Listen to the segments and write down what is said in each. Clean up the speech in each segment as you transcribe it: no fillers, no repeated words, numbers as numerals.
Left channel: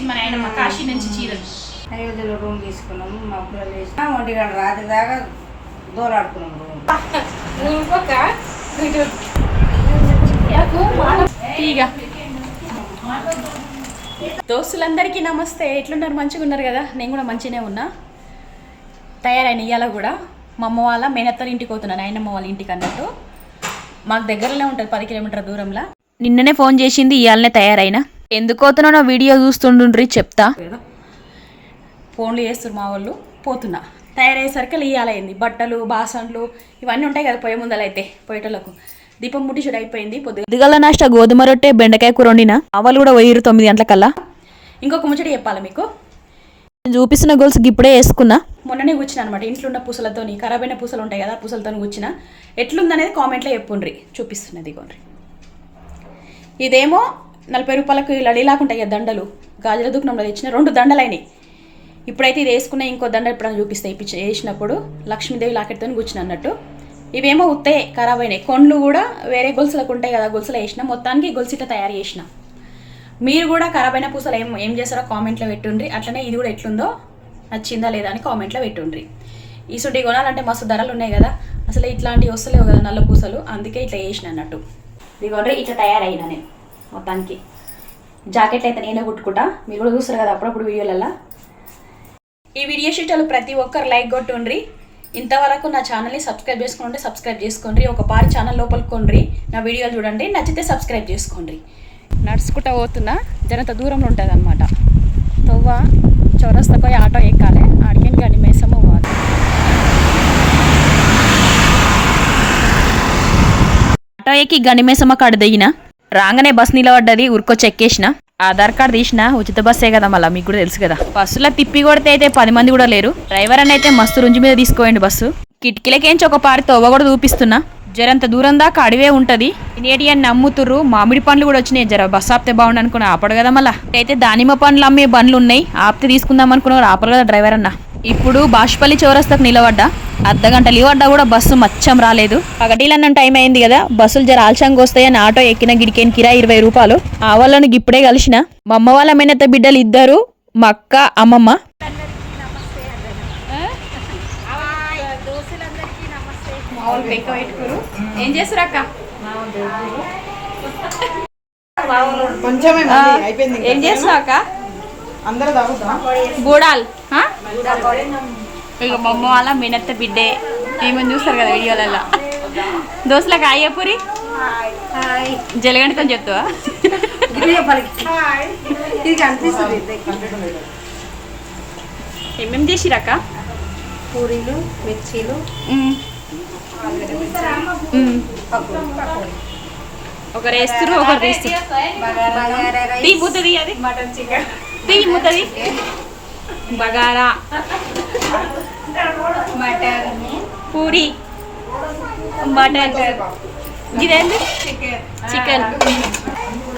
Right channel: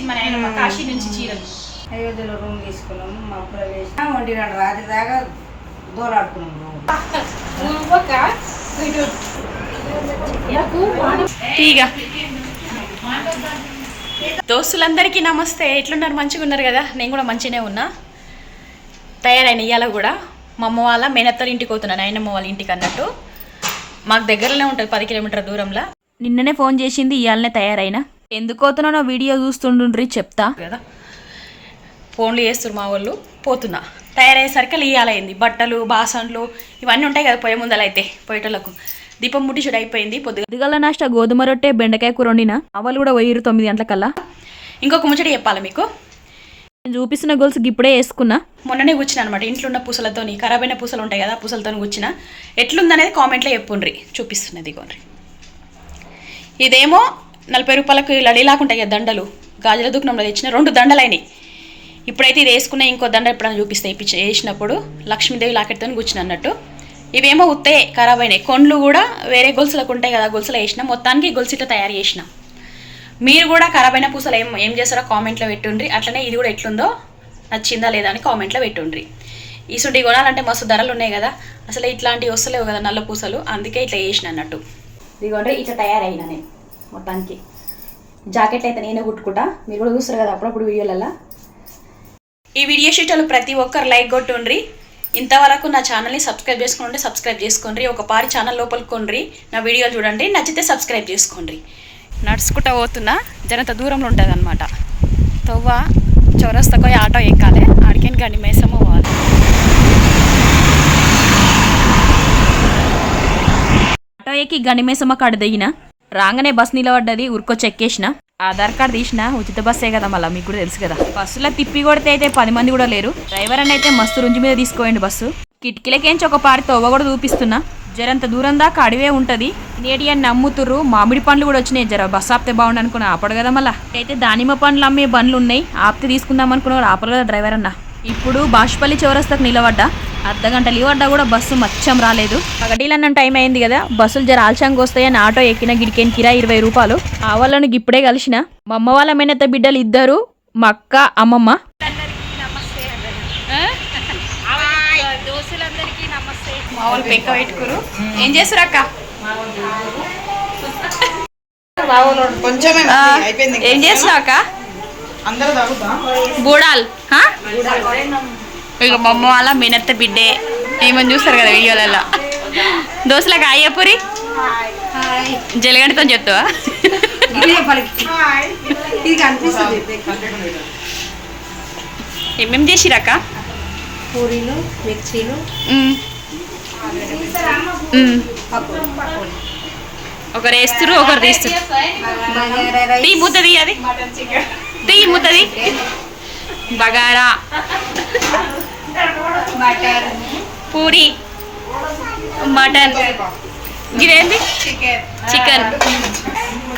మన ఆయన మా కాశీ నుంచి చీరలు అయోధ్యలో రూమ్ తీసుకున్నాము. మా అప్పులు వేసి 1 గంట రాత్రి దాకా దూరాడుకున్నాం రూమ్. దోస్తులందరికీ నమస్తే. ఎట్లున్నారు? మంచిగా ఉన్నారు కదా? నేను కూడా మంచిగానే ఉన్నా. తయారైన ఇవాళ కూడా మా అమ్మ వాళ్ళ మేనత్తల ఇంటికి పోతున్నాను, నాయనమ్మ వాళ్ళ ఇంటికి అన్నట్టు. మాకు దగ్గరలోనే ఉంటుంది, 10 కిలోమీటర్ల దూరంలో. నిన్ననే ఫోన్ చేసింది, ఇవాళనే తయారైనా. ఎందుకు పోతున్నా వీడియో చూస్తుండ్రి చెప్తా కదా. ఫోన్లు చేస్తారు మా వాళ్ళు. పోతున్నా, తయారయ్యేసరికి ఇవ్వాలైంది. బట్టలు బాసన్లు ఇవన్నీ ఉంటాయి కదా పొయ్యి ముందల. అయితే పొయ్యేటోళ్ళకు దీపం ముట్టించుడు అయిపోయింది. పొద్దుగల నాష్ట గోధుమ రొట్టె బెండకాయ కూర వండిన. వాళ్ళు కూడా 9 గంటలకల్లా. ఇంకొక ముచ్చట చెప్పాలి మీకు. నేను చూపిస్తున్న గోల్స్ ఇప్పుడే వేసుకున్నా. మొన్ననే కూర్చున్నా అనమాట. ఇంట్లో ఉన్న పూసలతో, ఖరాబ్ అయిన పూసలు ఉంటాయి కదా, పూసలతో కూర్చున్నా. ఎట్లుందనేది కామెంట్లో చెప్పుండ్రి. చూపిస్తున్నది ఇగోండ్రి. ఇదేమో 40 రూపాయలకు లడీలాకుంటాయి కదా దండలు, గాజుల దుకాణంలో తెచ్చిన 2 దండలు అయినాయి. ఇప్పుడైతే ఇది వేసుకున్న ఇంకో దండ ఎప్పుడైనా చూపిస్తాయి. వేసినప్పుడు లక్ష్మీదేవి లాకెట్తో కూర్చుని అన్నట్టు. ఇవేమో ఉత్తే ఖరాబ్ అయినాయి. కొండ్లు కూడా వేరే గొలుసులకు ఉంటాయి కదా, గొలుసులు వేసిన. మొత్తానికి గొలుసు ఇట్లా తయారు చేసిన. మీరు కూడా ఖరాబ్ అయిన పూసలు ఏం చేస్తారో కామెంట్లో పెట్టుండ్రి. అట్లనే ఇది కూడా ఎట్లుందో, నచ్చిందా లేదా అని కామెంట్లో పెట్టుండ్రి. ఈసుంటి కొనాలంటే మస్తు ధరలు ఉన్నాయి కదా, అసలు ఇట్లాంటివి వస్తలేవు కదా నల్ల పూసలు. అందుకే ఇట్లా వేసిన అన్నట్టు. ఇదిగోండి ఇట్లా తయారైనా నేను మొత్తానికి. జాకెట్ అయితే నేనే కుట్టుకుంటా. మీరు కూడా చూస్తారు కదా అప్పుడప్పుడు వీడియోలల్లో. ఈ వీడియో షీట్లు ప్రతి ఒక్కరు లైక్ కొట్టుండ్రి. ఇంతవరకు నా ఛానల్ని సబ్స్క్రైబ్ చేసుకుంటే సబ్స్క్రైబ్ చేసుకోండి. ఒక పారి ఛానల్ లోపలికి కొండ్రి, నా వీడియోలు చూడండి, నచ్చితే సబ్స్క్రైబ్ చేసుకోండి. నడుచుకుంటా పోతున్నా, జనంత దూరంలో ఉంటుంది అనమాట. తొవ్వ చౌరస్తాకు ఆటో ఎక్కాలి, ఆడికేని గండి మేసమ్మ పోవాలి. ఆటో ఎక్కి గండి మేసమ్మ కాడ దిగిన. రాగానే బస్ నిలబడ్డది, ఉరికొచ్చి ఎక్కేసిన. ఆధార్ కార్డు తీసిన. ఉచిత బస్సే కదా, మళ్ళీ మీకు కూడా తెలుసు కదా. బస్సులో తిప్పి కొడితే అయితే 10 మంది కూడా లేరు. డ్రైవర్ అని అయితే మస్తు రుంజు మీద తీసుకోండి బస్సు. కిటికీలకేంచి ఒక పారి తవ్వ కూడా చూపిస్తున్నా. జరంత దూరం దాకా అడివే ఉంటుంది. తినేటి అని నమ్ముతుర్రు. మామిడి పండ్లు కూడా వచ్చినాయి. జర బస్సు ఆపితే బాగుండు అనుకున్నా, ఆపడు కదా. మళ్ళీ అయితే దానిమ్మ పండ్లు అమ్మే బండ్లు ఉన్నాయి, ఆపితే తీసుకుందాం అనుకున్నారు, ఆపరు కదా డ్రైవర్ అన్న. ఇప్పుడు బాష్పల్లి చౌరస్తాకు నిలబడ్డా. అర్ధగంట లీవడ్డా కూడా బస్సు మచ్చం రాలేదు. పగటిలన్న టైం అయింది కదా, బస్సులు జర ఆల్చంగా వస్తాయని ఆటో ఎక్కిన. గిడికేని కిరా 20 రూపాయలు. ఆ వాళ్ళని ఇప్పుడే కలిసిన. మా అమ్మ వాళ్ళ మేనత్త బిడ్డలు 2, మా అక్క అమ్మమ్మ. మా వాళ్ళు పెంక పెట్టుకురు. ఏం చేస్తారు అక్క? ఏం చేస్తున్నావు అక్క? బూడాల్. ఇక మా అమ్మ వాళ్ళ మేనత్త బిడ్డే. ఏమని చూస్తారు కదా వీడియోలలో. దోశలకు అయ్యపురి జలగంటతో చెప్తావా? ఏమేమి చేసిరక్క? పూరీలు, మిర్చీలు, ఒకరు వేస్తురు, ఒకరు తీస్తురు. టీ మూతది, అది టీ మూతది. బగారా, పూరి, మటన్, ఇదేంది చికెన్.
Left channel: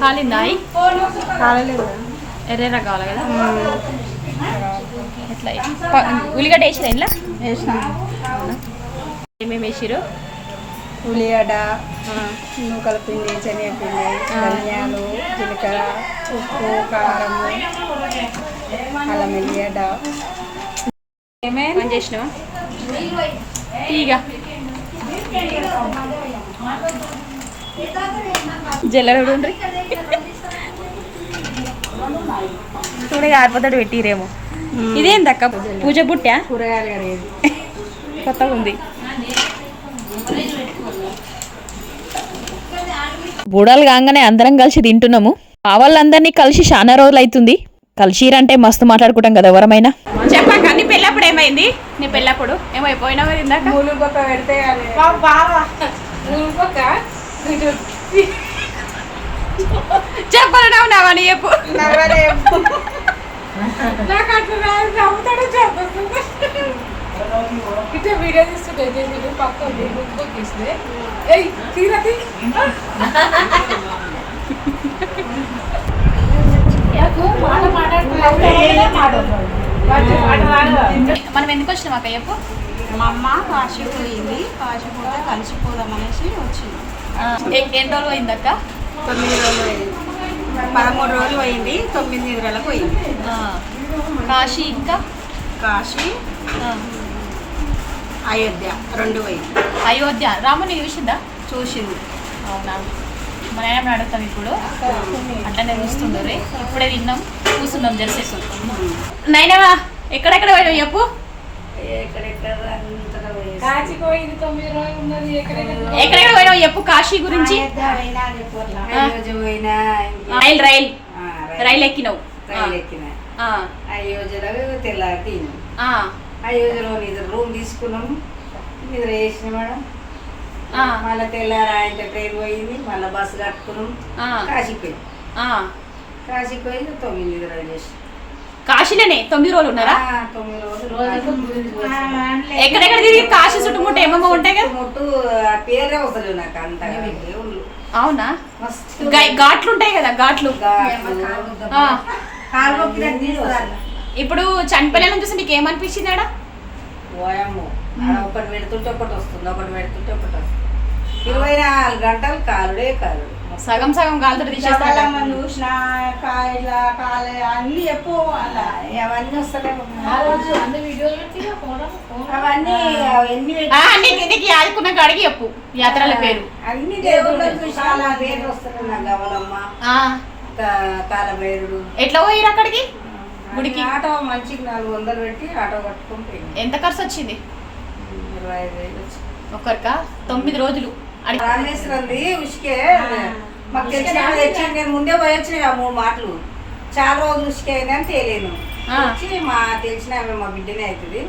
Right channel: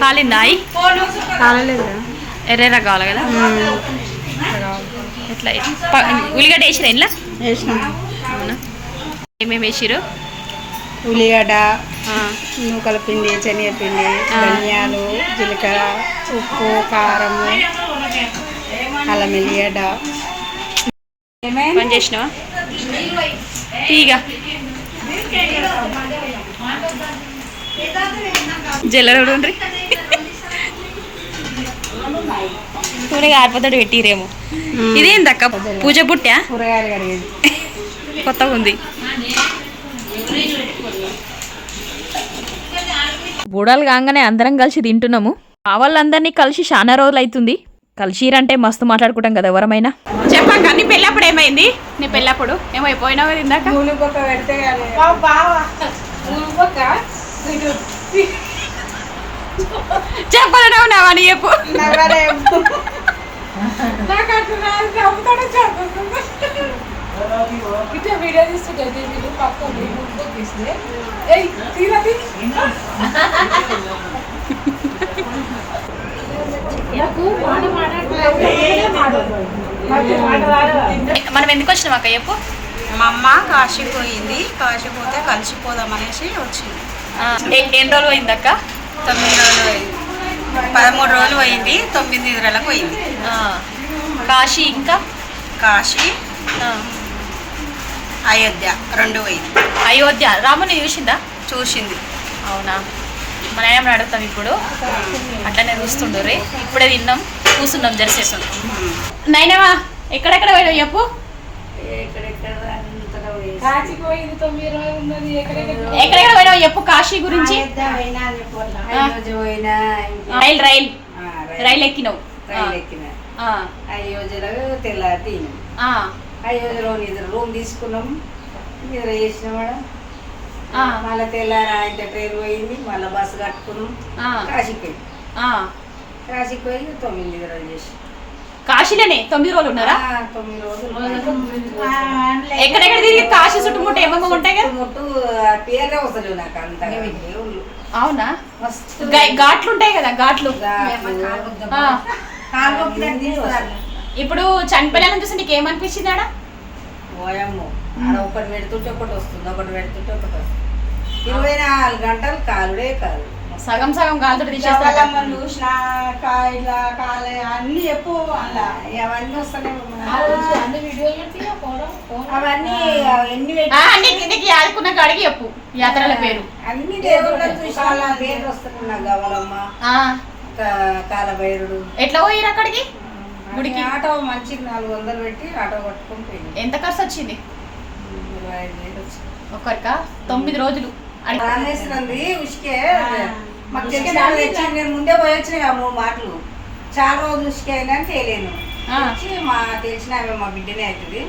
కాలిందాయి? కాలేదు, ఎర్రెరా కావాలి కదా. ఎట్లా ఉల్లిగడ్డ వేసిరా ఇంట్లో? అవునా? ఏమేమి వేసిరు? ఉల్లిగడ్డ, నూకల పిండి, శనగపిండి, ధనియాలు, జీలకర్ర, ఉప్పు, కారం, అల్లం ఎల్లిగడ్డ. పని చేసినావా? తీగా జల్లరుండ్రి చూడగా ఆరిపోతాడు పెట్టిరేమో. ఇదేందక్క? పూజ బుట్టా? కొత్తగా ఉంది. బూడాలు కాగానే అందరం కలిసి తింటున్నాము. ఆ వాళ్ళందరినీ కలిసి చాలా రోజులు అవుతుంది. కలిసిరంటే మస్తు మాట్లాడుకుంటాం కదా ఎవరమైనా. చెప్పాక నీ పెళ్ళప్పుడు ఏమైంది? నీ పెళ్ళప్పుడు ఏమైపోయినావు కదా ఇందాక? పెడితే చెప్పలేనావు అని చెప్పు. వీడియో తీస్తుంటే పక్క మనం ఎందుకు వచ్చినాం అక్క చెప్పు? మా అమ్మ కాశీ పోయింది, కాశీ పోతే కలిసిపోదాం అనేసి వచ్చింది. ఎన్ని రోజులు అయింది అక్క? 9 రోజులు అయింది. 13 రోజులు పోయింది, 9 నిద్రలకు పోయింది. కాశీ ఇంకా కాశీ, ఆ, అయోధ్య 2 పోయింది. అయోధ్య రాముని చూసిందా? చూసింది. అవునా? మా నాయనమ్మని అడుగుతాం ఇప్పుడు, అట్లనే చూస్తుండ్రి. ఇప్పుడే తిన్నాం, కూర్చున్నాం జరసేసాం. నాయనవా ఎక్కడెక్కడ పోయినావు చెప్పు. ఎక్కడెక్కడ పోయినావు చెప్పు కాశీ గురించి. రైలు ఎక్కినావు. అయోధ్యలో తెల్లారి అయోధ్యలో నిద్ర రూమ్ తీసుకున్నాం, నిద్ర చేసిన మేడం. మళ్ళీ తెల్లారి ఆయన ట్రైన్ పోయింది, మళ్ళీ బస్సు కట్టుకున్నాం, కాశీకి పోయి కాశీకి పోయి 9 నిద్రలు చేసి. కాశీలోనే 9 రోజులు ఉన్నారా? 9 రోజులు. ఎక్కడెక్కడ తిరిగి కాశీ చుట్టుముట్టు ఏమేమో ఉంటాయి కదా. ముట్టు పేరే వస్తలేవు నాకు అంతగా దేవుళ్ళు. అవునా? ఘాట్లు ఉంటాయి కదా, ఘాట్లు. ఇప్పుడు చనిపోయిన చూసి నీకు ఏమనిపించింది ఆడ? ఓయమ్మో, ఆడ ఒకటి పెడుతుంటే ఒకటి వస్తుంది, ఒకటి పెడుతుంటే ఒకటి వస్తుంది. 24 గంటలు కాలుడే కాలు. సగం సగం కాలుతో తీసేస్తారట. చూసిన అన్ని ఎప్పుడు అవన్నీ వస్తలేవు. అవన్నీ నీకు యాదుకున్న కాడికి చెప్పు యాత్రల పేరు. అన్ని దేవుళ్ళని చూసిన పేరు వస్తున్నాయి నాకు. గవలమ్మ, కాలభైరుడు. ఎట్లా పోయిరు అక్కడికి గుడికి? ఆటో మంచికి 400 పెట్టి ఆటో పట్టుకొని పోయింది. ఎంత ఖర్చు వచ్చింది? 25,000 వచ్చింది ఒక్కరికా? 9 రోజులు. రామేశ్వరంది ఉసుకే మాకు తెలిసిన తెచ్చి నేను ముందే పోయి వచ్చిన 3 మాటలు. చాలా రోజులు ఉసుకే అయిందని తెలియను. వచ్చి మా తెలిసిన ఆమె మా బిడ్డనే అవుతుంది,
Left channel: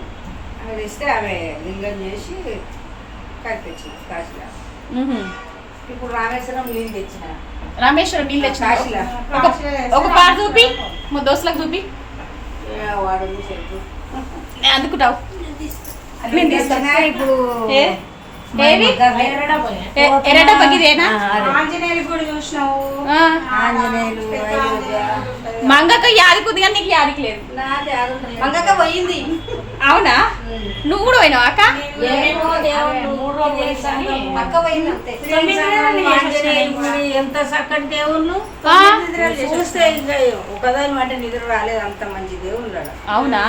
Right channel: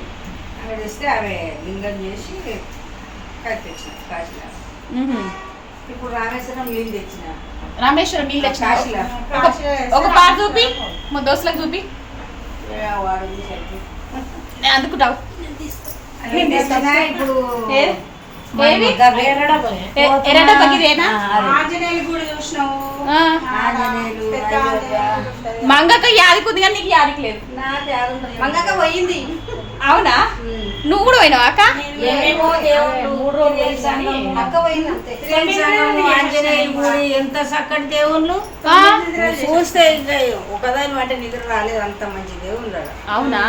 ఆమె తెస్తే ఆమె లింగం చేసి కట్టి తెచ్చిన కాశీలో. ఇప్పుడు రామేశ్వరం నీళ్ళు తెచ్చిన. రామేశ్వరం నీళ్ళు తెచ్చిన. ఒక పార్ చూపి, మా దోస్తులకు చూపి. వాడు అందుకుంటావు ఇప్పుడు ఎర్రడ బగిదేనా? ఆంజనేయులు కూడా చూసినావు. మంగక్క యాదికి ఉంది కానీ నీకు యాదికి లేదు. మంగక్క పోయింది. అవునా? నువ్వు కూడా పోయినావు అక్క? అక్క పోయింది. ఆంజనేయులు ఎంత చక్కటి దేవుళ్ళు చూస్తే ఒకదాని అంటే నిద్ర రాలేదు, అంత మంచి దేవుళ్ళు. అవునా?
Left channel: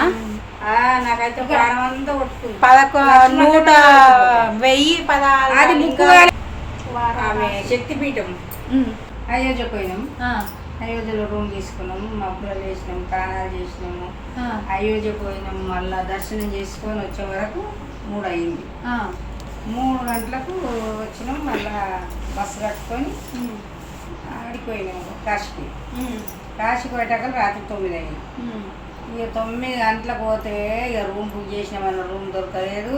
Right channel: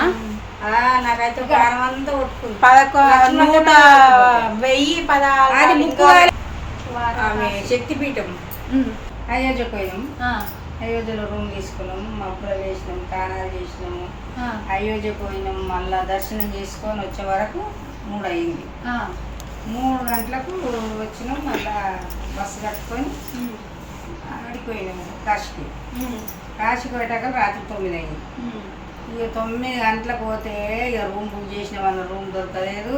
నాకైతే ప్రాణం అంతా కొట్టుకుంది. 1116 ఆమె శక్తిపీఠం. అయోధ్య పోయినాం, అయోధ్యలో రూమ్ తీసుకున్నాం, మబ్బులు వేసినాం, తానాలు చేసినాము. అయోధ్య పోయినాం, మళ్ళా దర్శనం చేసుకొని వచ్చే వరకు 3 అయ్యింది. 3 గంటలకు వచ్చినాం, మళ్ళా బస్సు కట్టుకొని ఆడిపోయినాము కాశీకి. కాశీకి పోయేటాక రాత్రి 9 అయింది. ఇక 9 గంటలకు పోతే ఇక రూమ్ బుక్ చేసిన వాళ్ళ రూమ్ దొరకలేదు.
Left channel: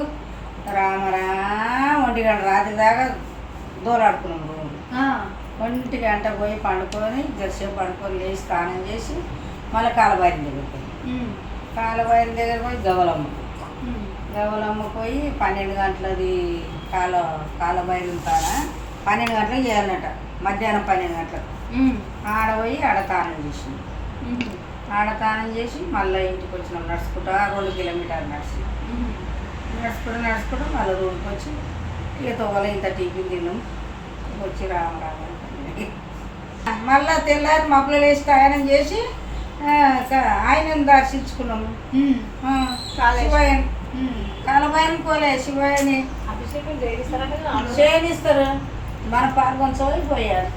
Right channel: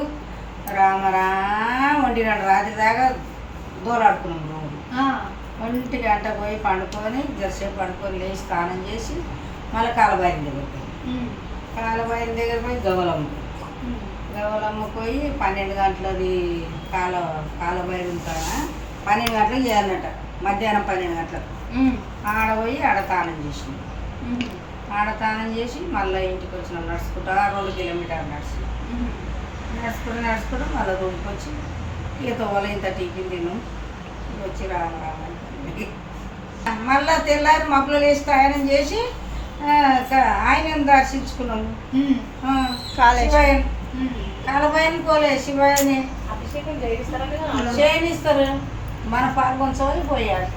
రామరా 1 గంట రాత్రి దాకా దూరాడుకున్నాం రూమ్. 1 గంట పోయి పండుకొని జరసేపు పండుకొని లేచి స్నానం చేసి మళ్ళీ కాలబాయిన దగ్గర పోయి కాలబాయిన దగ్గర పోయి గవలమ్మ పోయి 12 గంటలది కాలబాయిన ఉంటానా 12 గంటలకు చేయాలన్నట, మధ్యాహ్నం 12 గంటలకు. ఆడ పోయి ఆడ తానం చేసింది. ఆడ తానం చేసి మళ్ళీ ఇంటికి వచ్చినాం నడుచుకుంటా. 2 కిలోమీటర్లు నడుచుకుంటూ మళ్ళీ రూమ్కి వచ్చి ఇక తోల ఇంత టిఫిన్ తిన్నాం. వచ్చి రామరామ మళ్ళీ తెల్లారి మబ్బులు వేసి ప్రయాణం చేసి ఆయనను దర్శించుకున్నాము. శివయ్యని కాలబాయిని పోలే, శివయ్యని చేయనిస్తారు. మన పాల్గొని పోయాలి.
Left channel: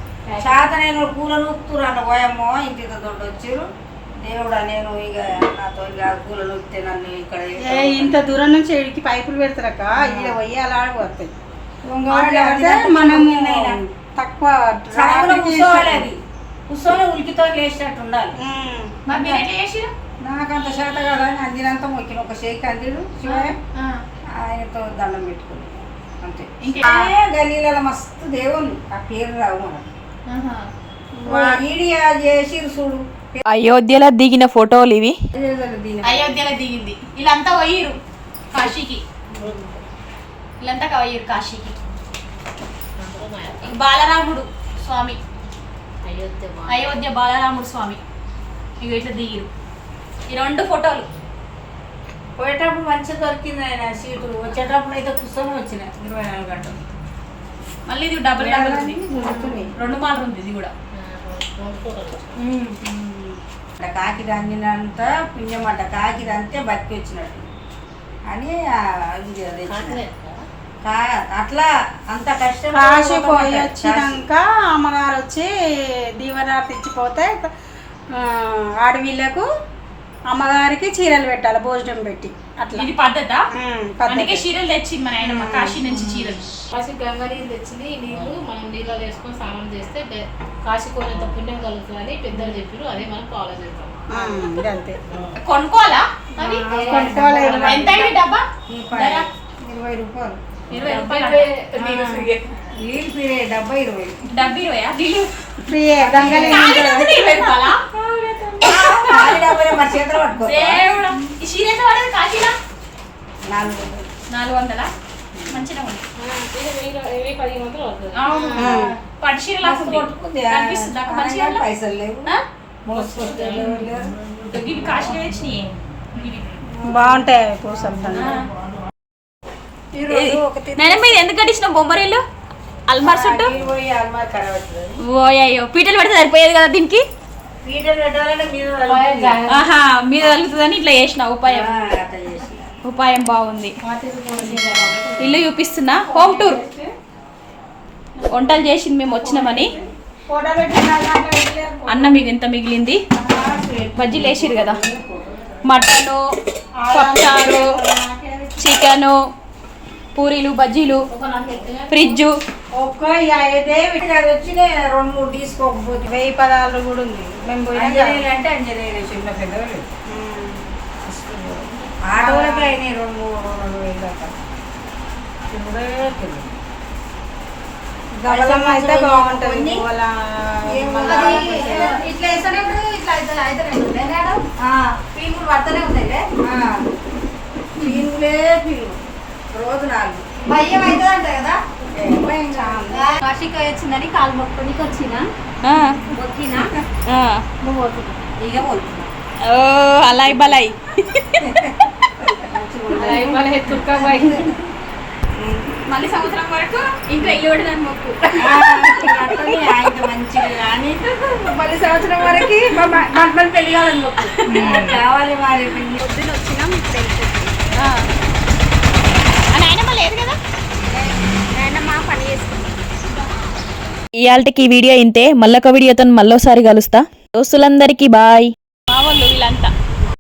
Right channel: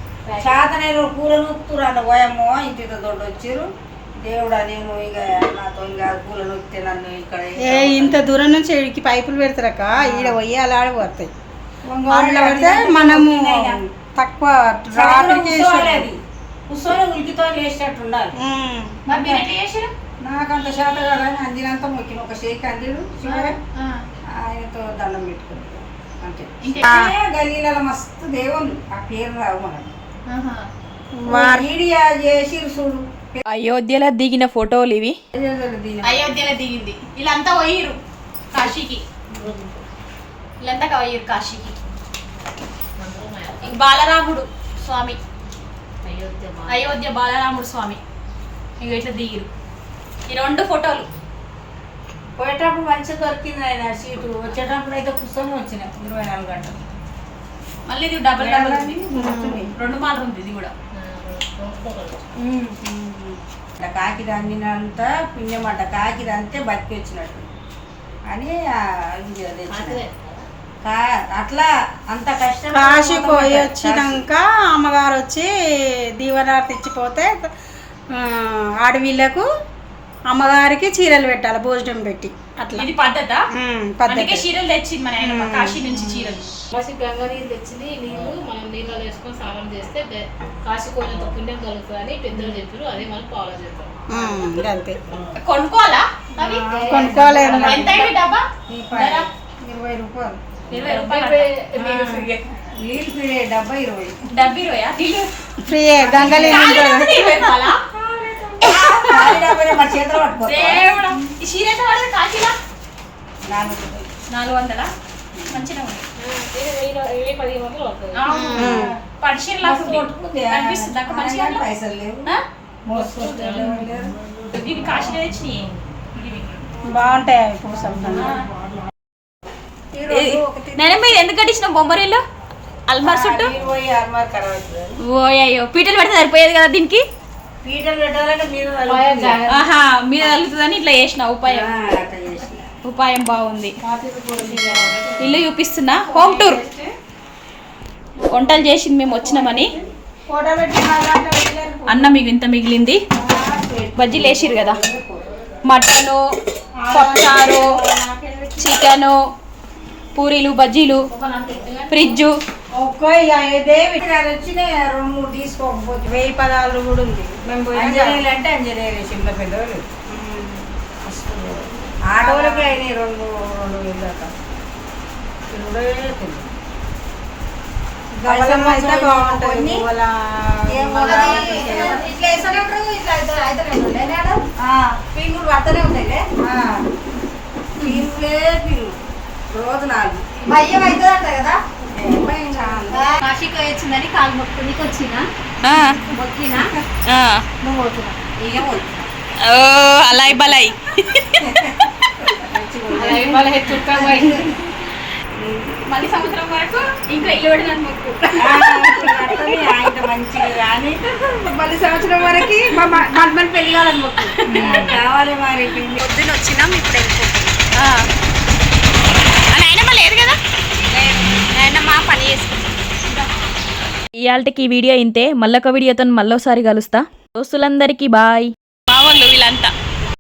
చాతనైన కూర నూపుతురు అన్న పోయమ్మో, ఇంటి దొడ్డు వచ్చారు. దేవుడా నేను ఇక నాతో ఇక కూల నొక్కితే నన్ను ఇక్కడ ఇంత దూరం నుంచి ఇడికి పైపులు పెడతారక, ఈడ పోయి అలా ఆడబడతాయి. మనము తక్కువ కూర్చొని ఉలికితో లేచినట్టు ఉండాలి. నాకు అంత శాత కాదని అందినంత మొక్కిన ఒక షేక్ అందిడు శివయ్య, ఆయనతో దండం పెట్టుకుని అంతే. గల్లీలలో మస్తు దేవుళ్ళు ఆ పేరు రావు మనకు. వీడియో చేసి చూడు. అయోధ్యలో దిగిన ఫోటోలు ఇవి. అయోధ్యలో దిగింది. వీళ్ళంతా పోయిరు కాశీకి. కాశీకి. బాలరాముడు స్వామి, అయోధ్య బాలరాముడు స్వామి ఇంక ఇట్లా దిగిరు. ఈ 2 ఫోటోలు. పోయేటప్పుడు మంచిగా దొరికింది ఆయన సీటు, వచ్చేటప్పుడు అయితే కూర్చొని వచ్చిన 24 గంటలు. మళ్ళీ ఇది డబల్ ఉంది, 2 మాలలు ఉంది ఇది కూడా. ఇట్లా కాకిది అందినంత పుణ్యమంట, కాకిది అంతే బతికి వచ్చినట్టు అని ఇది తెచ్చిన. అట్లా అంత కష్టం. కాశీ పోయి వచ్చినాక అమ్మగారు వచ్చి దీవెనార్తి ఇచ్చిపోతే ఆడవిళ్ళకు అమ్మగారికి చీరలు పెట్టాలి, భోజనం పెట్టి. అట్లా ఇది పద్ధత. పద్ధతి. అందుకే చీరలు తెచ్చింది మన ఆయన కాశీ నుంచి చీరలు. కాశీ గంగా నీళ్ళు తెచ్చింది, నీళ్ళు మనం నీళ్ళు వేసుకొని స్నానం చేస్తే కాశీ పోయినంత పుణ్యం కలుగుతుందని పెద్దలు చెప్పారు. అదే మనం ఫాలో చేస్తాం. అంతే. కొనుక్కోవాలా? కొనుక్కోవాలి. ఎంత అయింది డబ్బా? ధర? 20 రూపాయలు. 20 రూపాయలు. నీళ్ళు పీడే డబ్బా 20. డబ్బా 20 నీళ్ళు ఫ్రీ గంగా ఖాళీ డబ్బా 20 రూపాయలా? ఖాళీ డబ్బాలే మా చేతిలో పట్టుకో. దేవుడా, ఈ చీర ఎంత పడదు కాశీలా? 4 రూపాయలు. 400. మంచిగా ఉంది. 15 వందలు అవుతుంది. అవును. పట్టు చీర లాగా ఉంది. కనిపిస్తుంది అక్క మంచిగా ఉందా? పైసలు లేవు, ఆ? మోసుకొచ్చేవాళ్ళు లేరు. ఇవి కాశీలో తెచ్చినాయి. ఇవి. బాగుంటాయి అవి పూసలు. ఈరోజు ఒకటి నేను మీరు ఎందుకు కట్టించిన బొమ్మరీలు అల్మార్ చుట్టూ? నీళ్ళు పోయి అల్మార్ ఖరాబ్ అవుతుంది. ఓయో పీటలు పెడితే సరిపోయేది కదా దీనికి. పీటలు పెట్టాలంటే మీరు తలుపుతుంది. ఆహా మీద తగులుతుందని ఇట్లా చేసిన ఉపాయం. అట్లా చేసిన. ఉపాయం బాగుంది. ఇల్లు చూపిస్తున్నా, హోమ్ టూర్. వంటలు చేసింది మేము వచ్చినామని. అన్నం ఇంత మిగిలింది. బజ్జీలు వేసిరు కదా, మటను, పప్పుచారు, చికెను, పూరీలు, బజ్జీలు, ఫ్రిడ్జు. ఒక్కో ఇదే వచ్చిన 2-3 తీసుకోకపోతే 1000 పదాలు కూడా ఉంది. మేము పోయినా అంజనేయులు అంటే అంజనేయులు చిన్న పెద్దవాళ్ళు ఆటోలకే అయినాయి 2,000 దాకా. ఇప్పుడే తెలియదు. గవలమ్మ అయితే బాగుంటుంది. ఇట్లా వేసేటప్పుడు ఇట్లా అవుతానే ఉంటాయి మేడం. పీనుగులు పడుతూనే ఉంటాయి. పీనుగులే పీనుగులు రోజు 4 భయం అవుతుంది అంట కదా. కాశీకి వచ్చిందని కాలు మొక్కునికి వచ్చిన మొక్కినా నువ్వు పోతున్నా. ఇక పోతున్నా. ఓ అలాయ్ బలాయ్. మళ్ళీ సంవత్సరం వరకు ఇంకా ఇల్లు పడినని మొక్కు. ఆయన మంచిగా కానీ మళ్ళీ సంవత్సరం వరకు మన పెళ్లి కావాలని మొక్కు కావాలి. మరి పొద్దున వచ్చినాం, ఇప్పుడు వెళ్ళిపోతున్నాం. నాయనమ్మ లేదు కదా, నాయనమ్మ పని చేసుకుంటాం. ఇయాల్టికి ఈ వీడియో ఇంతే. మళ్ళొక వీడియోతో మళ్ళోసారి కలుస్తా. దోస్తులందరికీ బాయ్. మా వాళ్ళు వీళ్ళంతా